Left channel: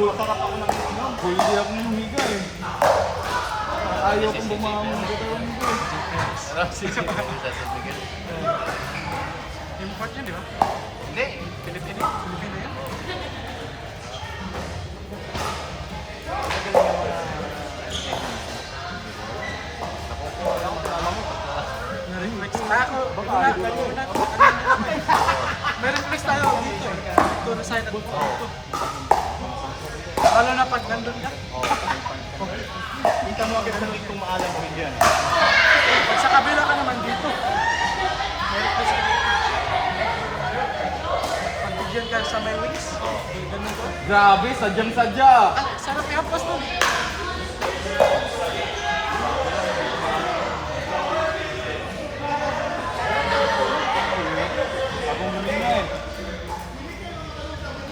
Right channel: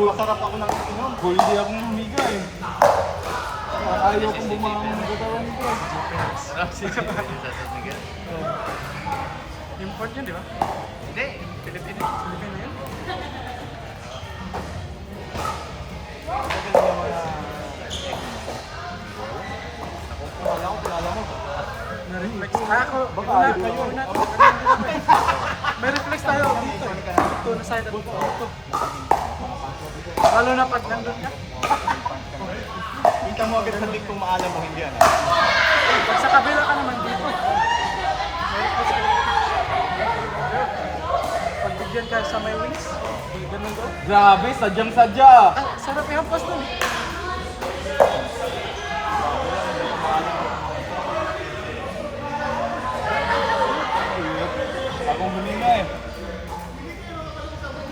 Masarap ako ng inom. Hindi ako humiga eh. Ayaw kong bumangang magagalan ko. Import yun, di ba? Hindi. Pilipino yun? Na-reflex. Ako, una, ano din ako eh. May reflex tayo dito eh. Dito na side at dito. Lalo na pag nandun ka. Kita mo, ganun kung maalam mo hindi yan. Pag sa kabila ka naman dito. May reflex ka dito. Pag bigyan ka sa may wings, ganun ko. Grabe, sadyang-sadya. Ah, sarap i-hampas dun.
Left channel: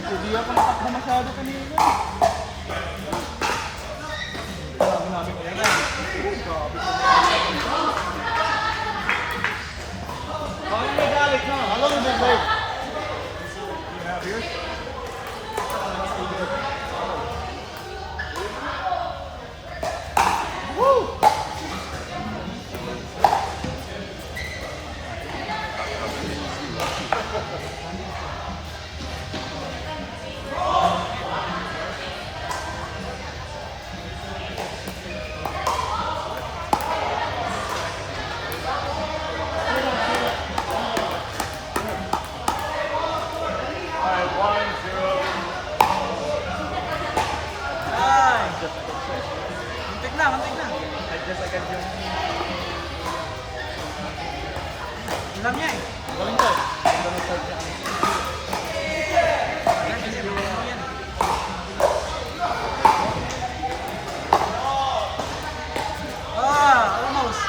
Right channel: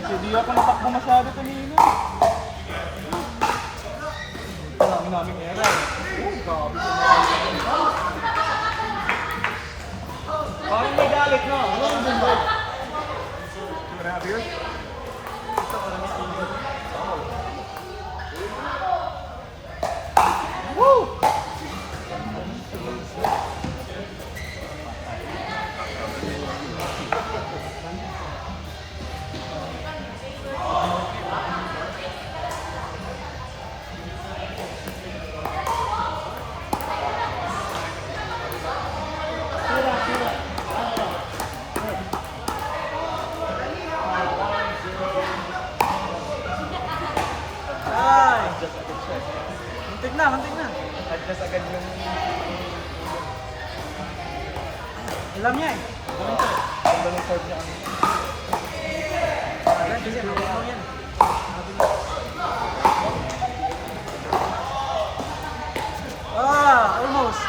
Hindi ako natakbo masyado kanina. Parang may galit mo. Alam mo ba? Grabe yun. Ito ko lang yung ilog. Ay! Muntik na, muntik na. Alam niya eh. Alam kasi malinaw yan. Ah, almost.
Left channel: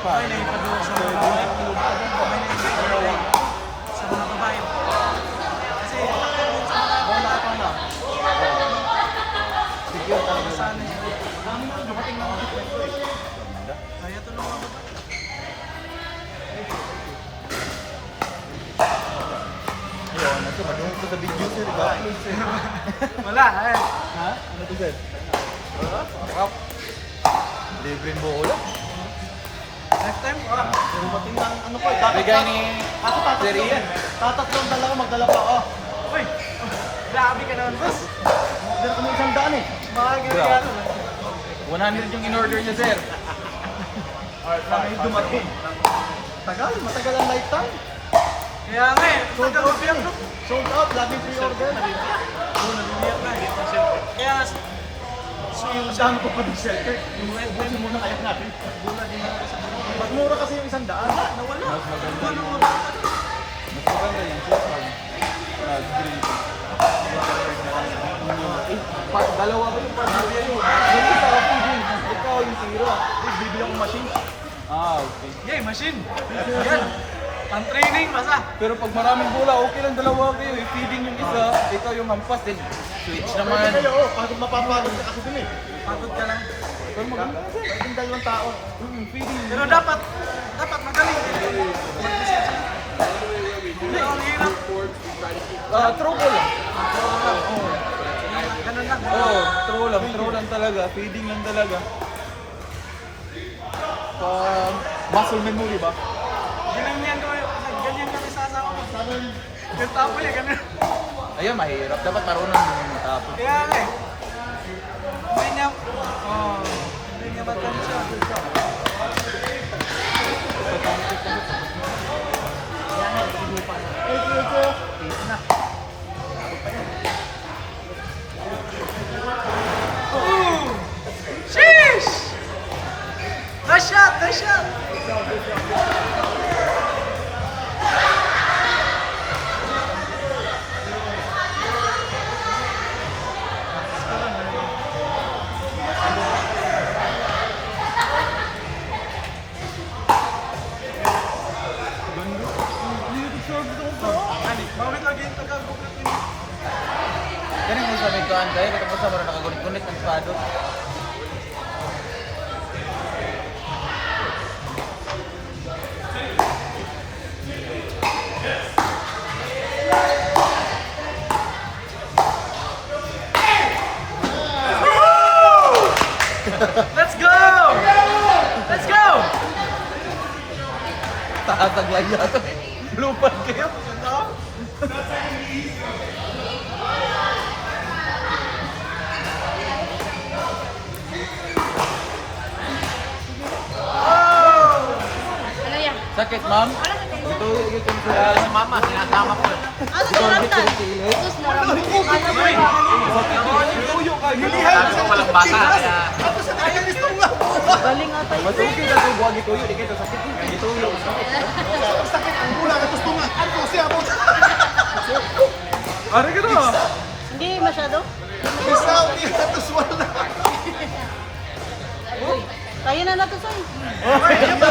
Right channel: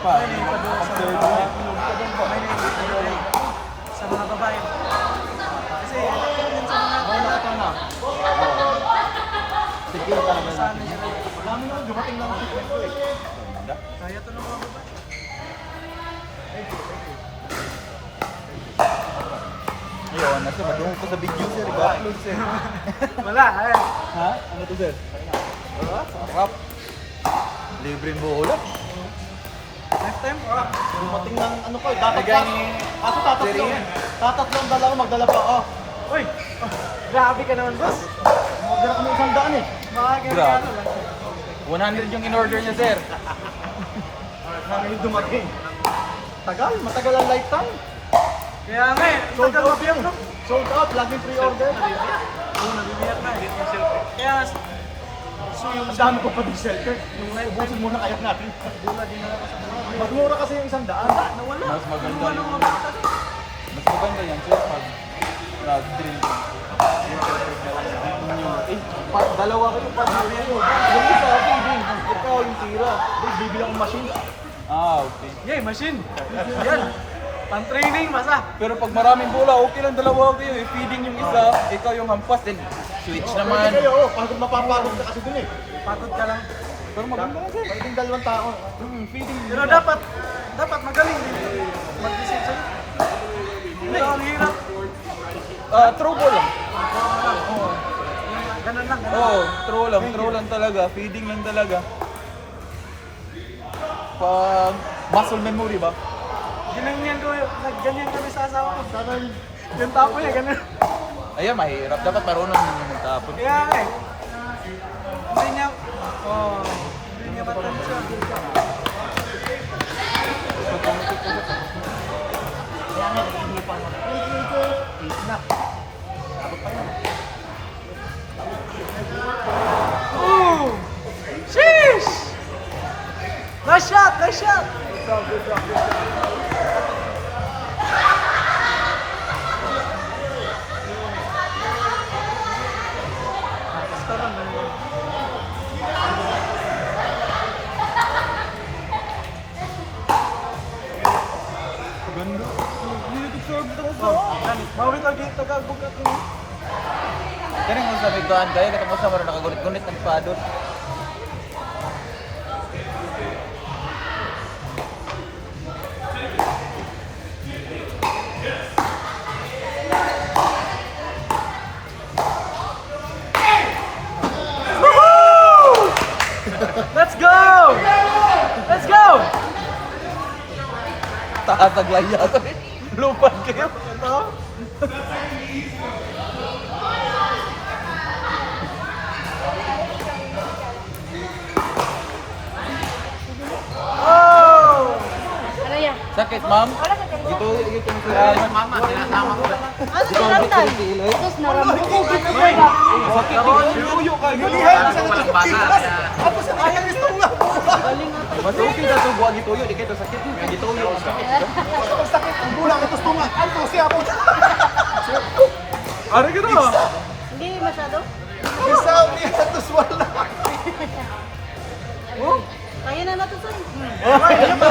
May naipado sa mga babae. May naipado sa mga babae. Kasi yun sa mga lalaki na. Sige, masanay sila. Kaya to ng mga babae. Ito sa video ko, di ba? Wala, eh. Ha? Ano to, sir? Sarap. Libre mo ko lang. Next time, ah. Tingnan, ano ko, dapat Bigay ni Jerry yan. Tatatlong dalawa, magdala pa ako. Uy! Oh, grabe ka naman, boss. Magdala ko ng 100 eh. Mga regalo lang. 100 yung in-order niya, sir. Bakit dumating? Tagal, matagal ang lifetime. Kaya nga eh, tagal mabiyak, no? Sold out, laging pre-order. Oo, nabibiyak na eh. Kaya, So yung dami ko po ng shelter. yung red Busin pen, mo na ayok natin. bula din na ako sa tanong. Mura kasi yung 100. Wala, nawala. Kinuha ng mga bata. Dalawa ba yung pagkabihan mo? Dali sa akin, ikaw yung tira. Bibilang machine. Ah, okay. Yay, machine. Yan. Pang-training, basta. Pero pag maraming bola, okay lang dalawa kayo. Feeding yung isa, ikaw yung hampas. Switch naman. Kayo, pagod mapapagod ka kasi dun eh. Pagod ka lang. Pero maganda kasi. Pagod dalawang tao. Feeding. Pero dapat magaling din mag-visit sa'yo. Pero ang hirap. True ko lang. Ako lang. Yung ganun lang, ganun. Oo, true lang talaga. Feeding lang talaga. Muscle memory ba? Ganyan kami sa asawa ko. Yung tapo niya, ganun. Ayun, mahirap. Dapat marunong mo yung tapo. Kaya nga eh. Hindi niya matansya. Ooh! Sheesh! Nice shot! Nice shot! nagkabukat niya. Kini mo sabi ko ang dai tapos sa mga nakagunit ng pado. Let's go! Let's go! Takataglaya. Lupa ka. Ito? Oh! Ano yan? Sakit, ma'am? Wala ka tayo. Ito mama, sinasama ko. Ano sila ka? Tapos marami. Hoy! Gabon niyo! Ano pa lang bata kaya Ayaw niyo! Galing nga tayo. masukit na ang buwag ito, di kayo sakit. Ito yun. Sakit ang bulang, ito tungat. Ano siya po? Ano ka na? Hindi masyado. Isaw niya, ito wala. Oh, tayo na nato sa'yo. Hoy, ano ba?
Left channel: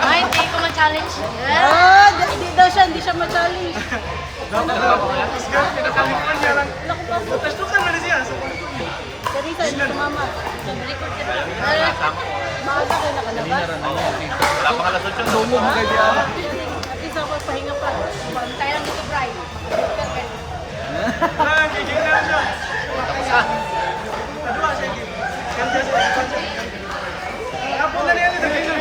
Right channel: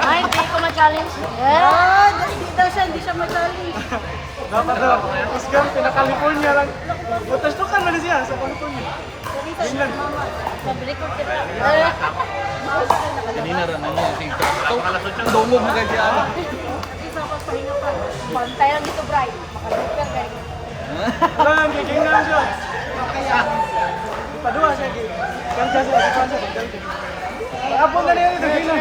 Ay, hindi ko ma-challenge. Ah, hindi daw siya, hindi siya ma-challenge. Dapat daw. Tapos gan, pinaka-California lang. Butas to ka na siya sa California. Kanina, mama. Nag-record ka na. Kanina rin ako ang picture. Wala pa kalasot siya. Lungo mo kayo dyan. Isa pa pahinga pa. Tayo lang dito, Brian. Wala lang, giging na lang siya. Padua siya. Kaya siya, kaya siya. Pag-apon na rin yan, giging na.